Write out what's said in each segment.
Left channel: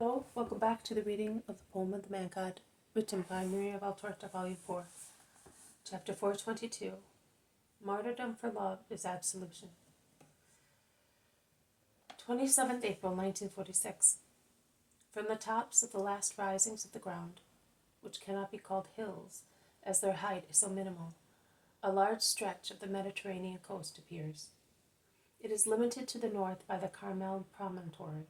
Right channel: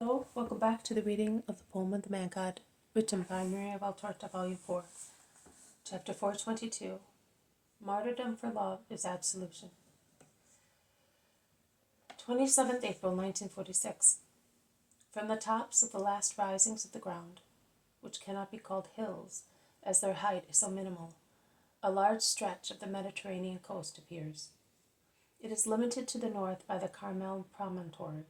Hello, welcome back to the reading of the poem of the Man God, written by Maria Valtorta, Volume 4, Chapter 422. Martyrdom for Love is Absolution. 27th April 1946. From the tops of the last risings of the ground, which cannot be called hills, as their height is so minimal, a large stretch of the Mediterranean coast appears. It is limited to the north by the Carmel promontory,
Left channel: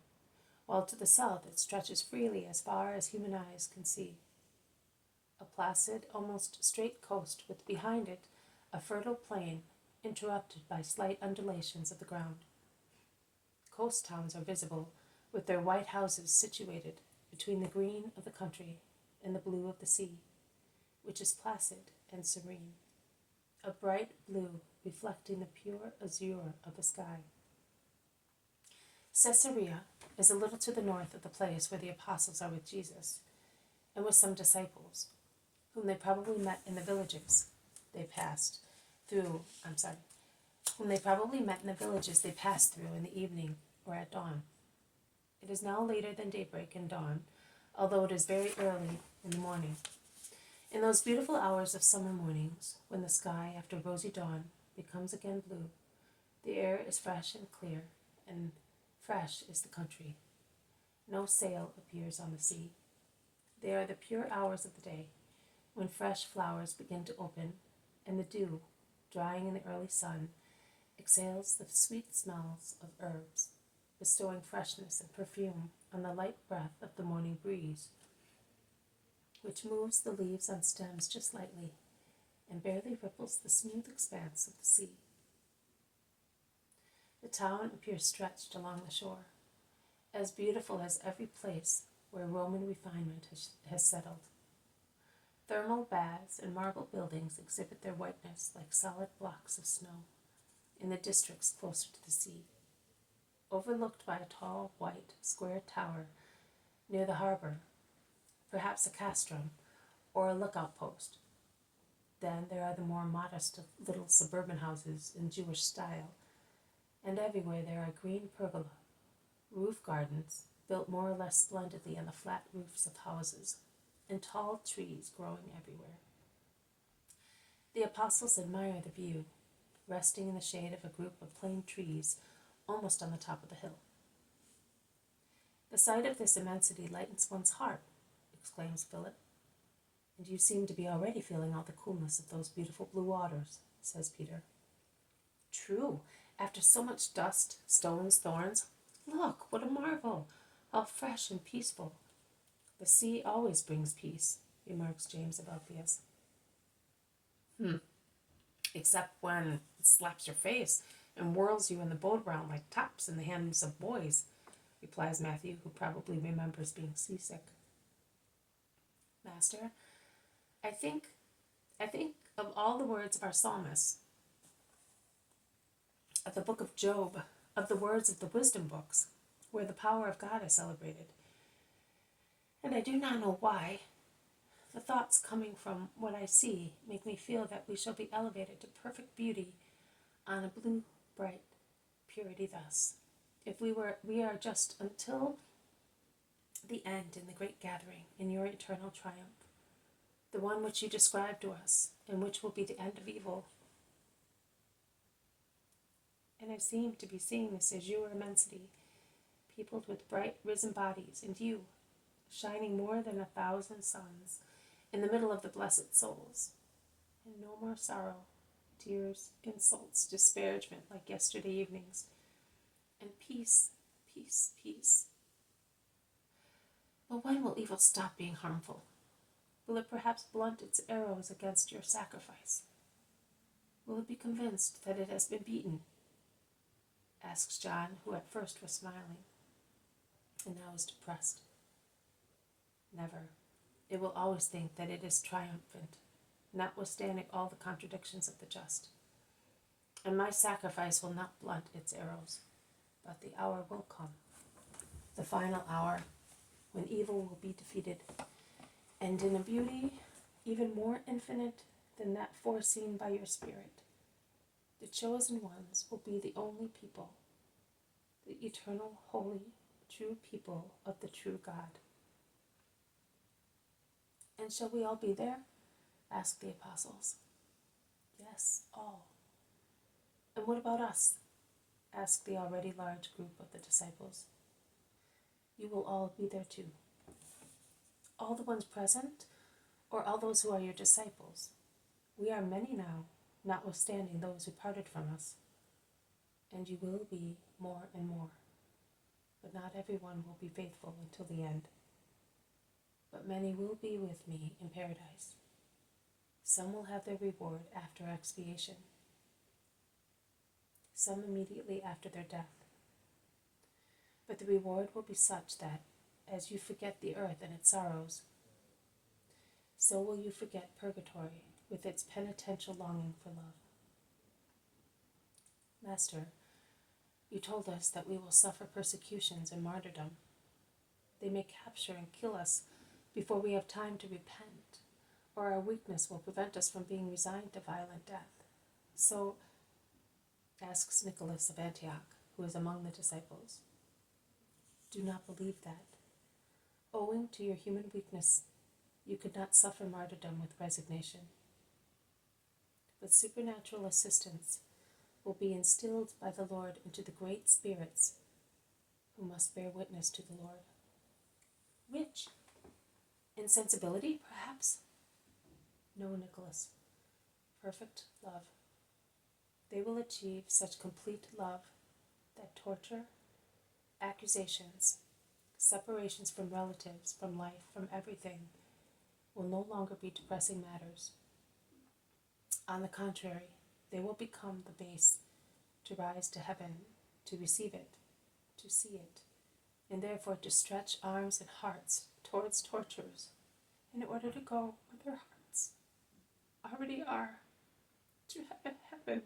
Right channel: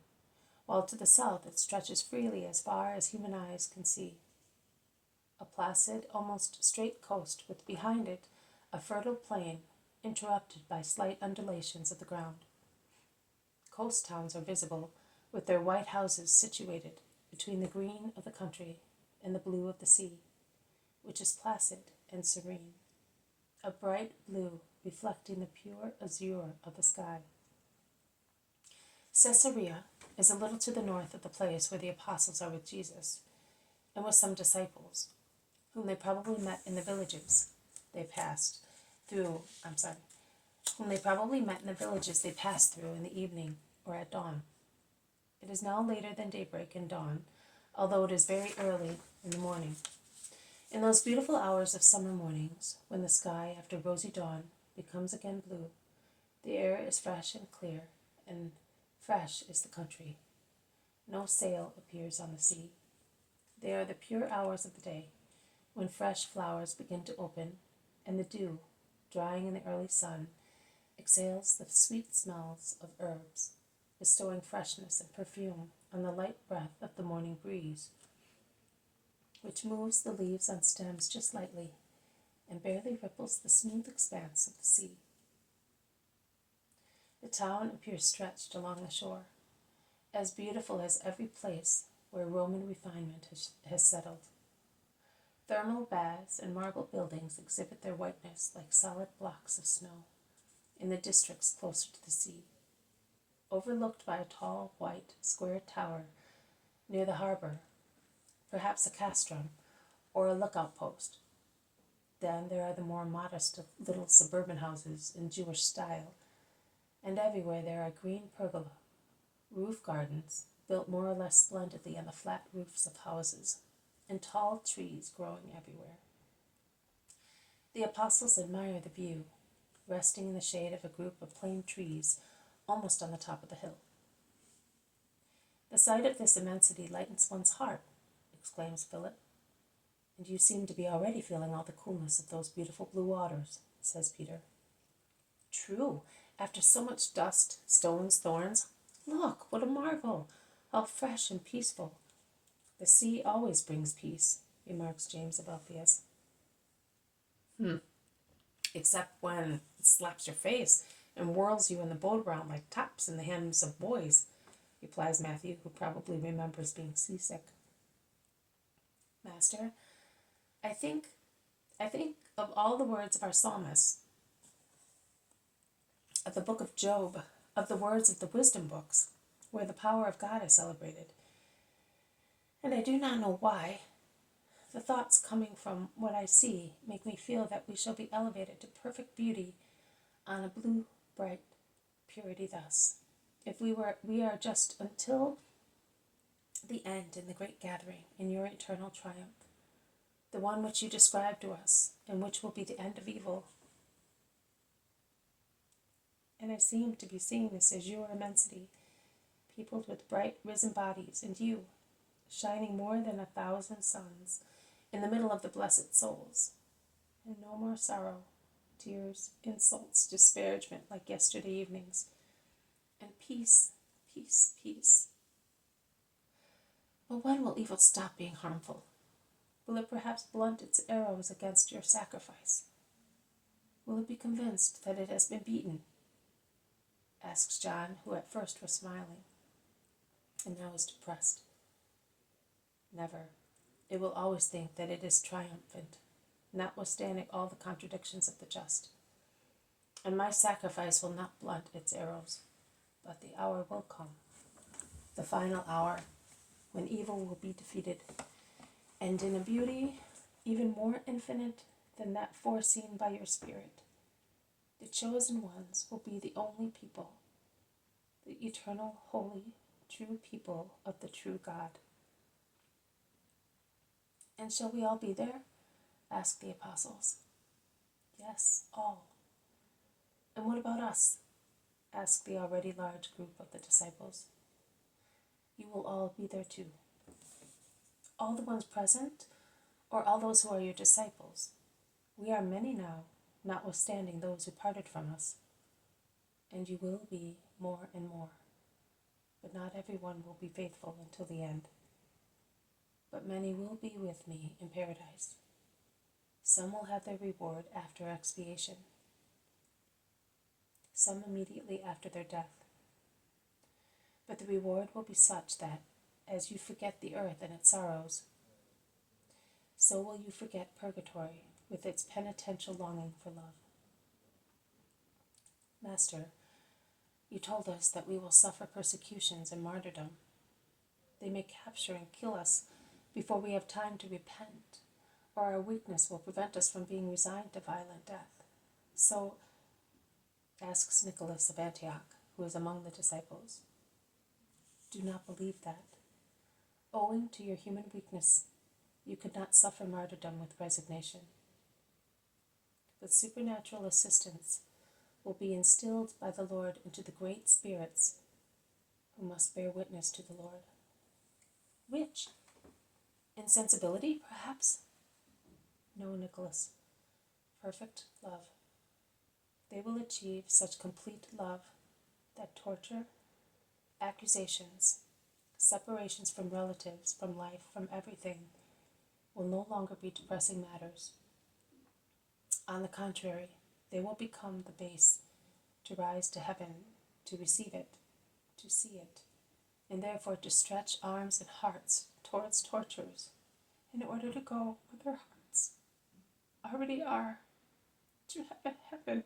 while to the south it stretches freely as far as human eyes can see. A placid, almost straight coast with behind it a fertile plain interrupted by slight undulations of the ground. Coast towns are visible, with their white houses situated between the green of the country and the blue of the sea, which is placid and serene, a bright blue reflecting the pure azure of the sky. Caesarea is a little to the north of the place where the apostles are with Jesus, and with some disciples, whom they probably met in the villages they passed through, in the evening or at dawn. It is now later than daybreak and dawn, although it is very early in the morning. In those beautiful hours of summer mornings, when the sky, after rosy dawn, becomes again blue, the air is fresh and clear, and fresh is the country. No sail appears on the sea. They are the pure hours of the day, when fresh flowers begin to open, and the dew, drying in the early sun, exhales the sweet smells of herbs, bestowing freshness and perfume on the light breath of the morning breeze, which moves the leaves on stems just lightly and barely ripples the smooth expanse of the sea. The town appears stretched along the shore, as beautiful as every place where Roman refinement has settled. Thermal baths and marble buildings exhibit their whiteness like solid blocks of snow in the districts closer to the sea, overlooked by a tall, white, square tower near the harbor, perhaps a castrum or a lookout post. Then there are the more modest little suburban houses in Jewish style, and everywhere there are green pergola, roof gardens built more or less splendidly on the flat roofs of houses, and tall trees growing everywhere. The apostles admire the view, resting in the shade of a group of plane trees almost on the top of the hill. "The sight of this immensity lightens one's heart," exclaims Philip. "And you seem to be already feeling all the coolness of those beautiful blue waters," says Peter. "True, after so much dust, stones, thorns. Look, what a marvel! How fresh and peaceful." "The sea always brings peace," remarks James of Alphaeus. "Except when it slaps your face and whirls you in the boat around like tops in the hymns of boys," replies Matthew, who probably remembers being seasick. "Master, I think of all the words of our psalmists, of the book of Job, of the words of the wisdom books, where the power of God is celebrated. And I do not know why. The thoughts coming from what I see make me feel that we shall be elevated to perfect beauty on a blue, bright purity thus, if we are just until the end in the great gathering in your eternal triumph, the one which you describe to us, and which will be the end of evil. And I seem to be seeing this azure immensity, peopled with bright risen bodies, and you, shining more than 1,000 suns, in the middle of the blessed souls. And no more sorrow, tears, insults, disparagement like yesterday evenings. And peace, peace, peace. But when will evil stop being harmful? Will it perhaps blunt its arrows against your sacrifice? Will it be convinced that it has been beaten?" asks John, who at first was smiling, and now is depressed. "Never. It will always think that it is triumphant, notwithstanding all the contradictions of the just. And my sacrifice will not blunt its arrows, but the hour will come, the final hour, when evil will be defeated, and in a beauty even more infinite than that foreseen by your Spirit, the chosen ones will be the only people, the eternal, holy, true people of the true God. And shall we all be there? Asked the apostles. Yes, all. And what about us? Asked the already large group of the disciples. You will all be there too. All the ones present, or all those who are your disciples? We are many now, notwithstanding those who parted from us. And you will be more and more. But not everyone will be faithful until the end. But many will be with me in paradise. Some will have their reward after expiation. Some immediately after their death. But the reward will be such that, as you forget the earth and its sorrows, so will you forget purgatory with its penitential longing for love. Master, you told us that we will suffer persecutions and martyrdom. They may capture and kill us before we have time to repent, or our weakness will prevent us from being resigned to violent death. So, asks Nicholas of Antioch, who is among the disciples, do not believe that. Owing to your human weakness, you could not suffer martyrdom with resignation. With supernatural assistance will be instilled by the Lord into the great spirits who must bear witness to the Lord. Which? Insensibility, perhaps? No, Nicholas. Perfect love. They will achieve such complete love that torture, accusations, separations from relatives, from life, from everything, will no longer be depressing matters. On the contrary, they will become the base to rise to heaven, to receive it, to see it, and therefore to stretch arms and hearts towards tortures in order to go where their hearts already are, to heaven.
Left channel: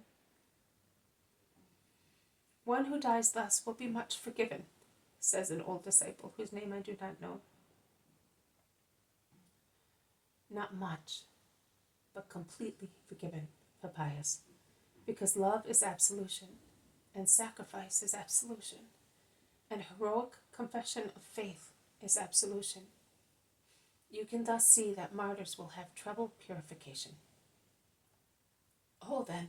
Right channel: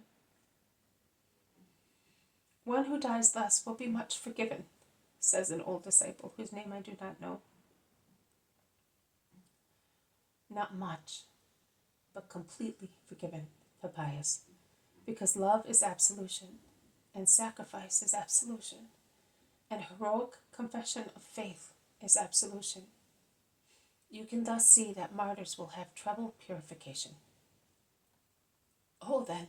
One who dies thus will be much forgiven, says an old disciple whose name I do not know. Not much, but completely forgiven, Papias, because love is absolution, and sacrifice is absolution, and heroic confession of faith is absolution. You can thus see that martyrs will have treble purification. Oh, then,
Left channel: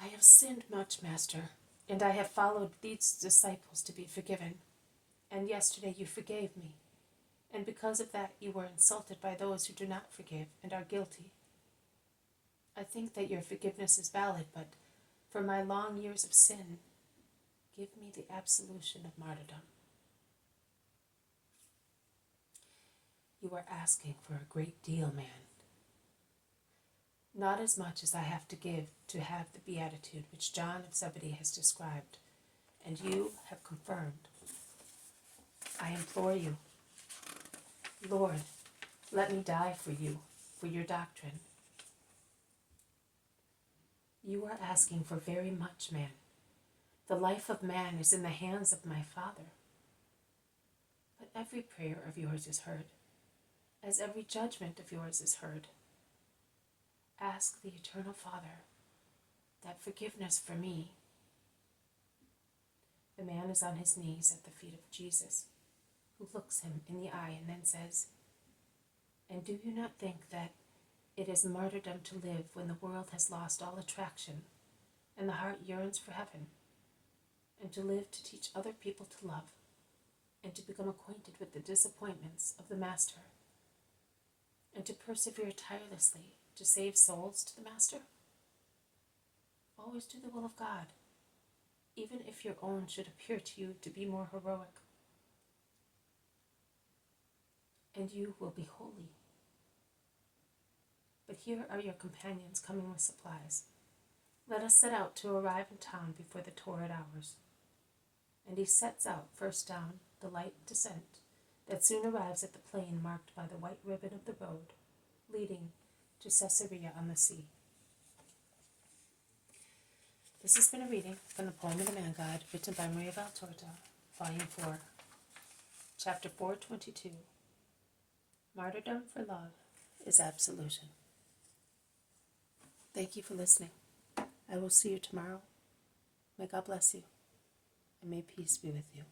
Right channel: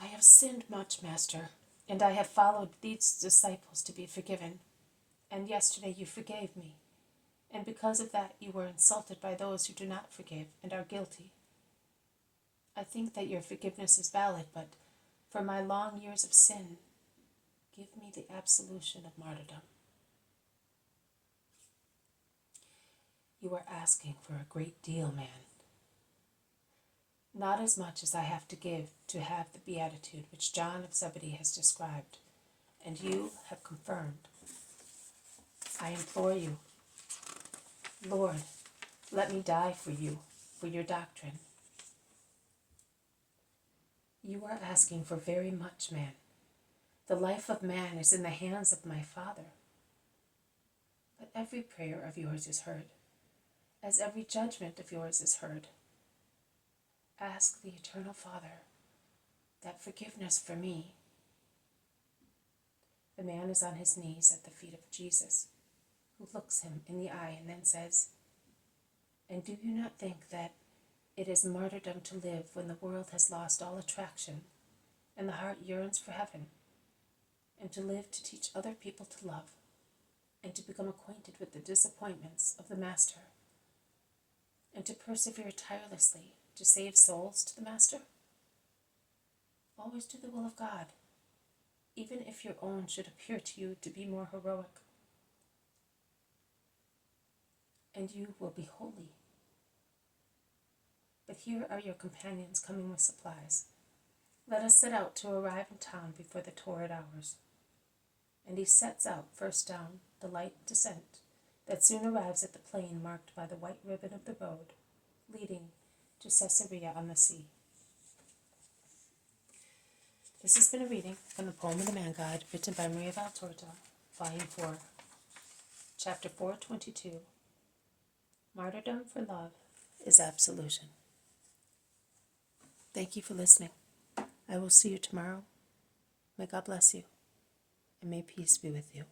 I have sinned much, Master, and I have followed these disciples to be forgiven, and yesterday you forgave me, and because of that you were insulted by those who do not forgive and are guilty. I think that your forgiveness is valid, but for my long years of sin, give me the absolution of martyrdom. You are asking for a great deal, man. Not as much as I have to give to have the beatitude which John of Zebedee has described, and you have confirmed. I implore you, Lord, let me die for you, for your doctrine. You are asking for very much, man. The life of man is in the hands of my Father. But every prayer of yours is heard, as every judgment of yours is heard. Ask the Eternal Father that forgiveness for me. The man is on his knees at the feet of Jesus, who looks him in the eye and then says, and do you not think that it is martyrdom to live when the world has lost all attraction and the heart yearns for heaven, and to live to teach other people to love, and to become acquainted with the disappointments of the Master, and to persevere tirelessly to save souls to the Master? Always do the will of God, even if your own should appear to you to be more heroic. And you will be holy. But here are your companions coming with supplies. Let us set out to arrive in town before the torrid hours. And he sets out first down the light descent that soon arrives at the plain marked by the white ribbon of the road, leading to Caesarea on the sea. This has been a reading from the Poem of the Man God, written by Maria Valtorta, Volume 4, Chapter 422. Martyrdom for love is absolution. Thank you for listening. I will see you tomorrow. May God bless you, and may peace be with you.